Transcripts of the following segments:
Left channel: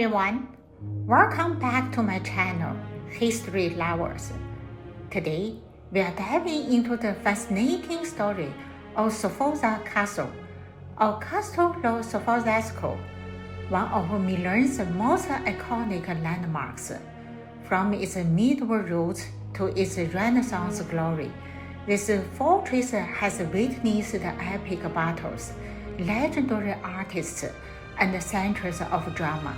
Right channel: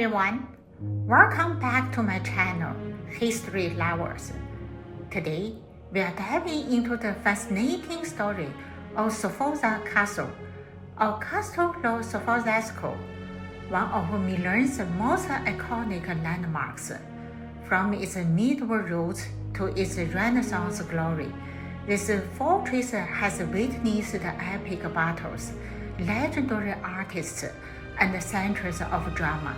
everyone, welcome back to my channel, History Lovers. Today, we are diving into the fascinating story of Sforza Castle, or Castle of Sforza Castle, one of Milan's most iconic landmarks. From its medieval roots to its Renaissance glory, this fortress has witnessed epic battles, legendary artists, and centuries of drama.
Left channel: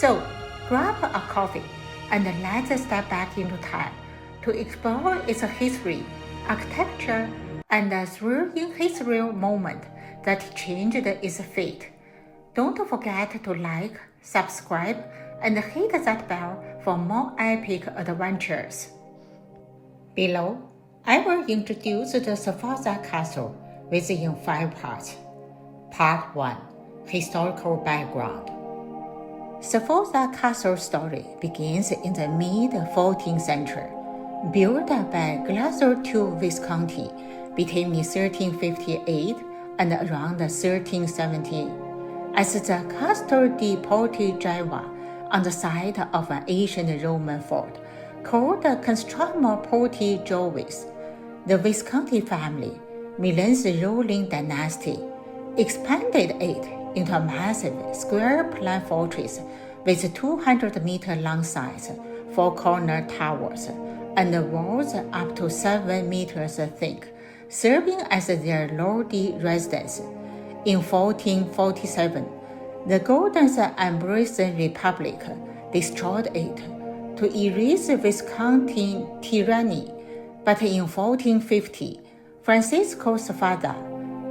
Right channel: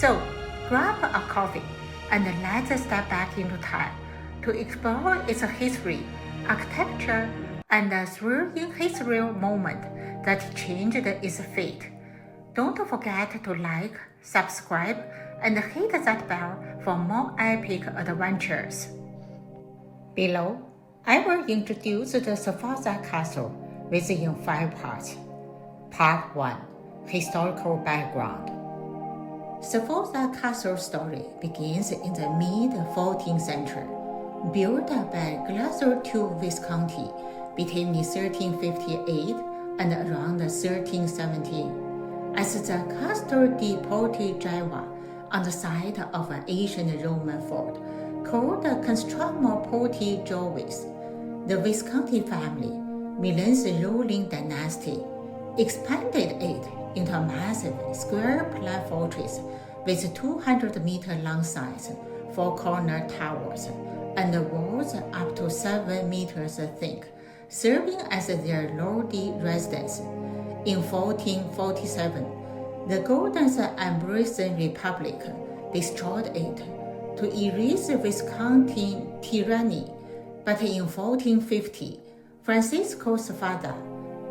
So, grab a coffee and let's step back into time to explore its history, architecture, and a thrilling historical moment that changed its fate. Don't forget to like, subscribe, and hit that bell for more epic adventures. Below, I will introduce the Sforza Castle within 5 parts. Part 1. Historical background. Sforza Castle story begins in the mid-14th century, built by Glasgow II Visconti between 1358 and around 1370 as the Castle di Portiggiova on the site of an ancient Roman fort called Castramo Portigiovis. The Visconti family, Milan's ruling dynasty, expanded it into a massive square-plan fortress with 200-meter-long sides, 4-corner towers, and walls up to 7 meters thick, serving as their lordly residence. In 1447, the Golden Ambrosian Republic destroyed it to erase Visconti tyranny, but in 1450, Francisco Sforza,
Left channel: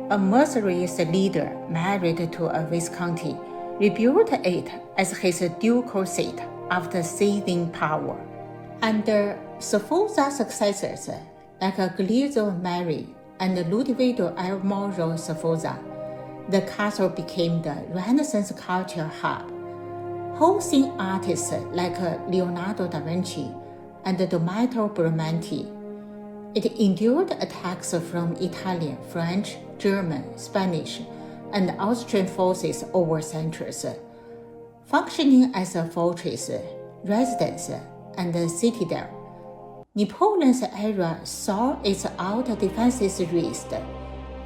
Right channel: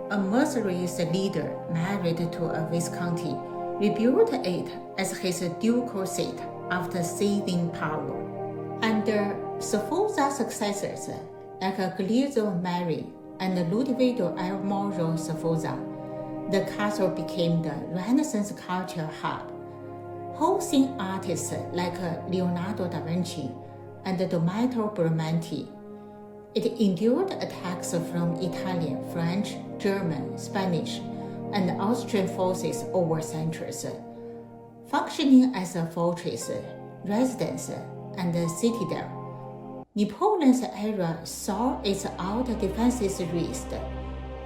a mercenary leader married to a Visconti, rebuilt it as his ducal seat after seizing power. Under Sforza's successors like Guglielmo Mari and Ludovico Moro Sforza, the castle became the Renaissance culture hub, hosting artists like Leonardo da Vinci and Domenico Bramante. It endured attacks from Italian, French, German, Spanish, and Austrian forces over centuries, functioning as a fortress, residence, and citadel. Napoleon's era saw its outer defenses raised,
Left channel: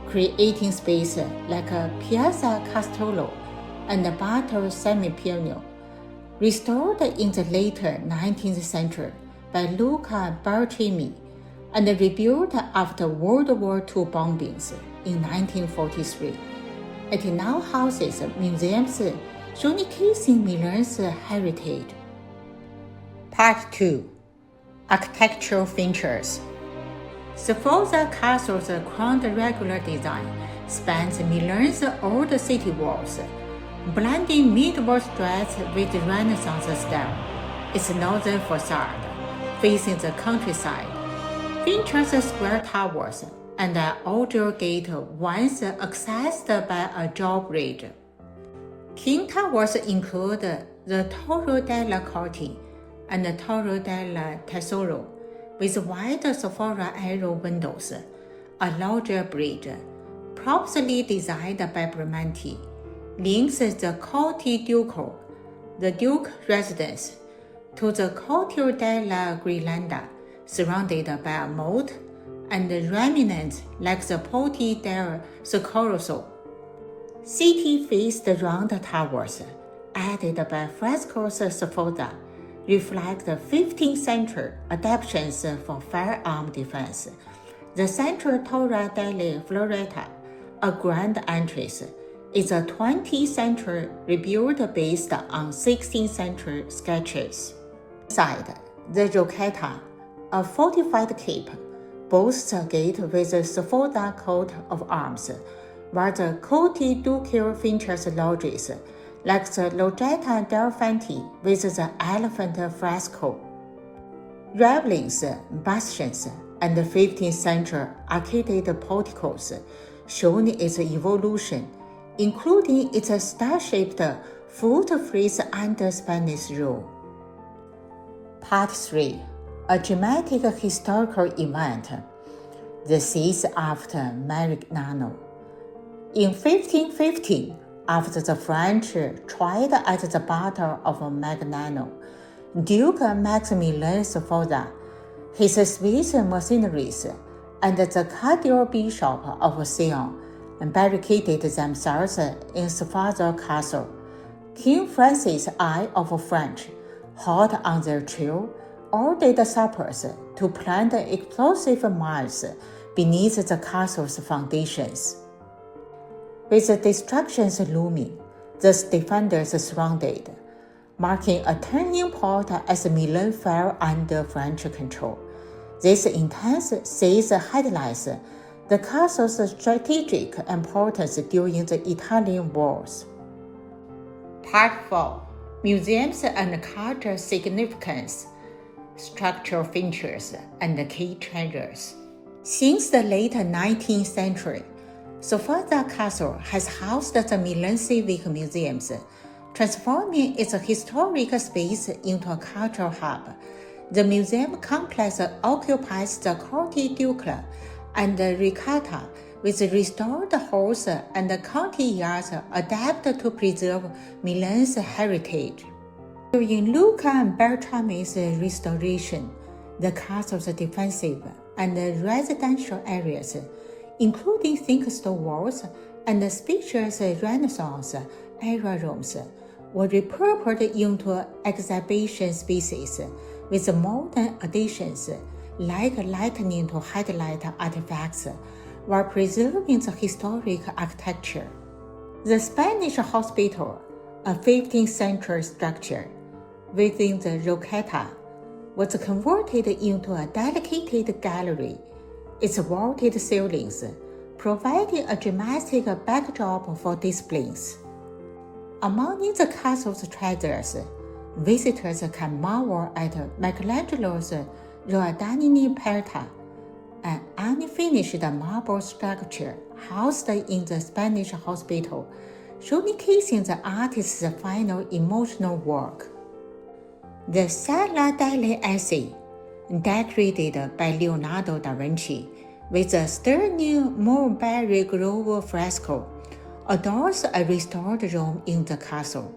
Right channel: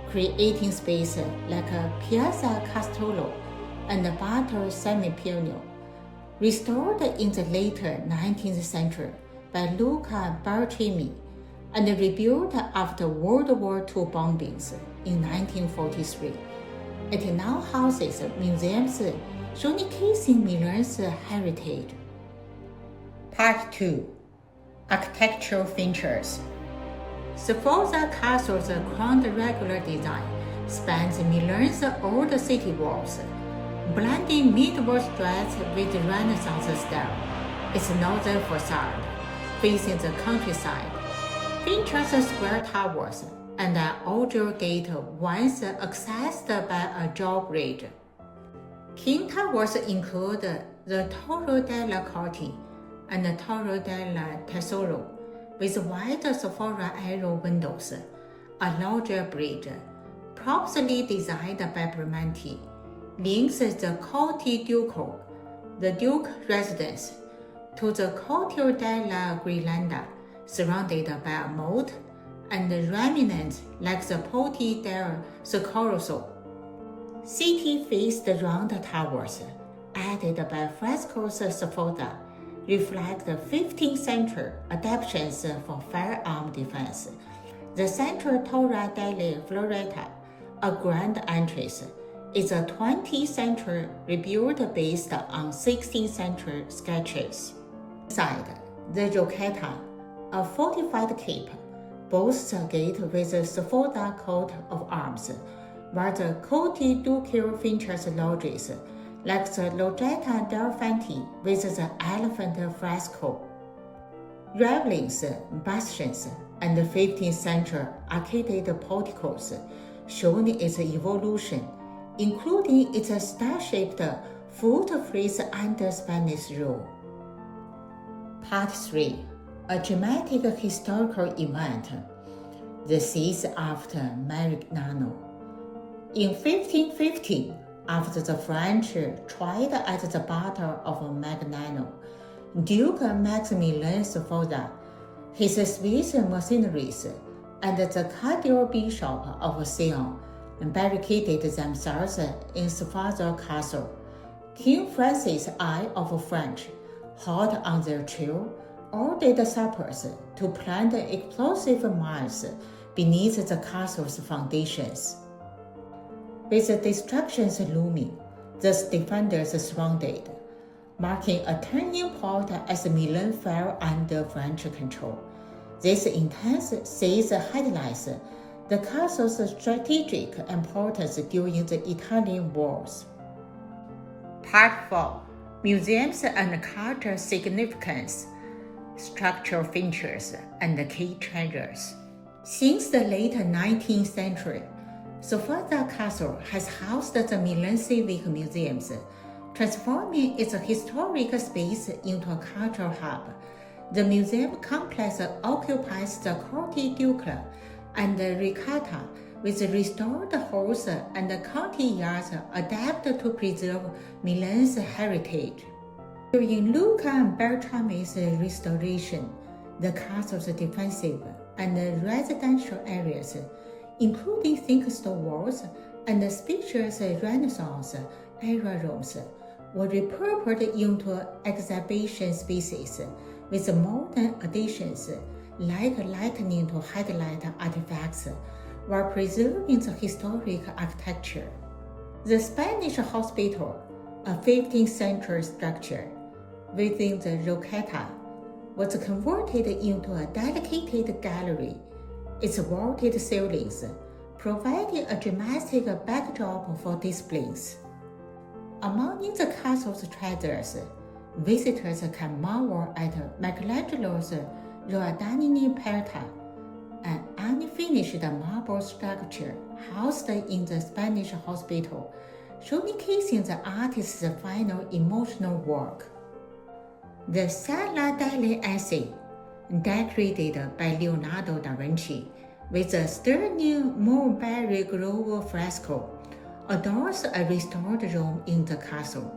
creating space like Piazza Castello and Battle Semipiano, restored in the later 19th century by Luca Bartolini, and rebuilt after World War II bombings in 1943. It now houses museums showcasing Milan's heritage. Part 2. Architectural features. Sforza Castle's quadrangular design spans Milan's old city walls, blending medieval styles with Renaissance style. Its northern facade, facing the countryside, features square towers and an outdoor gate once accessed by a drawbridge. King towers include the Torre della Corte and the Torre del Tesoro, with wide Sforza arrow windows. A larger bridge, probably designed by Bramante, links the Corte Ducal, the Duke residence, to the Corte della Ghirlanda, surrounded by a moat and remnants like the Porte del Soccorso. City-faced round towers, added by frescoes Sforza, reflect the 15th century adaptations for firearm defense. The central Torre della Floretta, a grand entrance, is a 20th century rebuild based on 16th century sketches. Inside, the Rocchetta, a fortified keep, boasts a gate with a Sforza coat of arms, while the Corte Ducal features lodges like the Loggia del Fanti with the elephant fresco. Ravelins, bastions, and 15th century arcaded porticos shown its evolution, including its star-shaped foot-frieze under Spanish rule. Part 3. A dramatic historical event, the siege after Marignano. In 1515, After the French tried at the Battle of Magnano, Duke Maximilian Sforza, his Swiss mercenaries, and the Cathedral Bishop of Sion barricaded themselves in Sforza Castle. King Francis I of France, hot on their trail, ordered sappers to plant explosive mines beneath the castle's foundations. With the destructions looming, the defenders surrounded, marking a turning point as Milan fell under French control. This intense siege highlights the castle's strategic importance during the Italian Wars. Part 4. Museums and Cultural Significance, Structural Features, and Key Treasures. Since the late 19th century, Sforza Castle has housed the Milan Civic Museums, transforming its historic space into a cultural hub. The museum complex occupies the Corte Ducale and Riccata with restored halls and courtyards adapted to preserve Milan's heritage. During Luca and Beltrami's restoration, the castle's defensive and residential areas, including thick stone walls and spacious Renaissance-era rooms, were repurposed into exhibition spaces with modern additions like lightning to headlight artifacts, while preserving the historic architecture. The Spanish Hospital, a 15th century structure within the Rocchetta, was converted into a dedicated gallery, its vaulted ceilings providing a dramatic backdrop for displays. Among the castle's treasures, visitors can marvel at Michelangelo's Rodani Perta, an unfinished marble sculpture housed in the Spanish hospital, showcasing the artist's final emotional work. The Sala delle Aci, decorated by Leonardo da Vinci with a stunning mulberry grove fresco, adorns a restored room in the castle,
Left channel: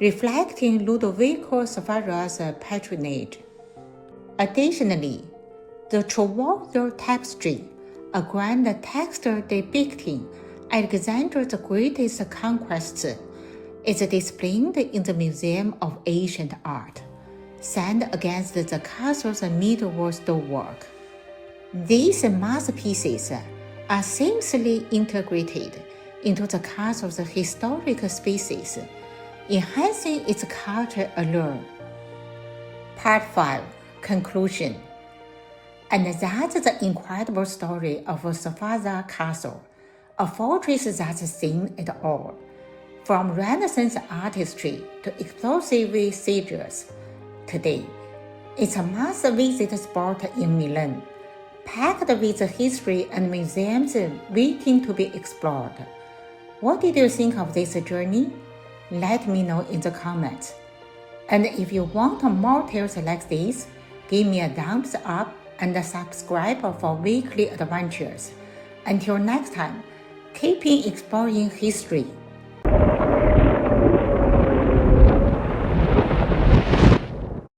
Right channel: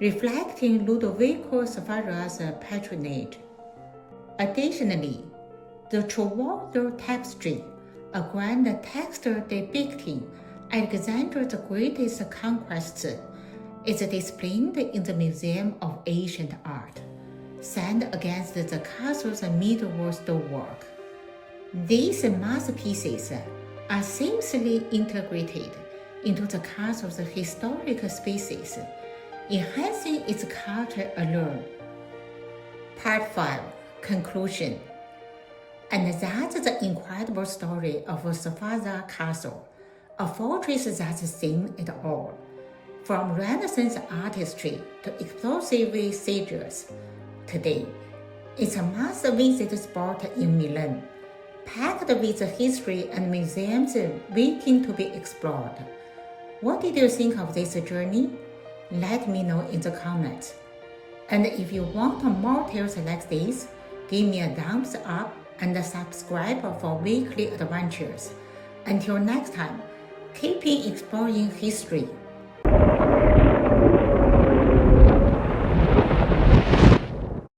reflecting Ludovico Sforza's patronage. Additionally, the Trevorrow Tapestry, a grand texture depicting Alexander the Great's conquests, is displayed in the Museum of Ancient Art, set against the castle's medieval stonework. These masterpieces are seamlessly integrated into the castle's historic spaces, enhancing its cultural allure. Part 5. Conclusion. And that's the incredible story of Sforza Castle, a fortress that's seen it all, from Renaissance artistry to explosive sieges. Today, it's a must-visit spot in Milan, packed with history and museums waiting to be explored. What did you think of this journey? Let me know in the comments. And if you want more tales like this, give me a thumbs up and subscribe for weekly adventures. Until next time, keep exploring history.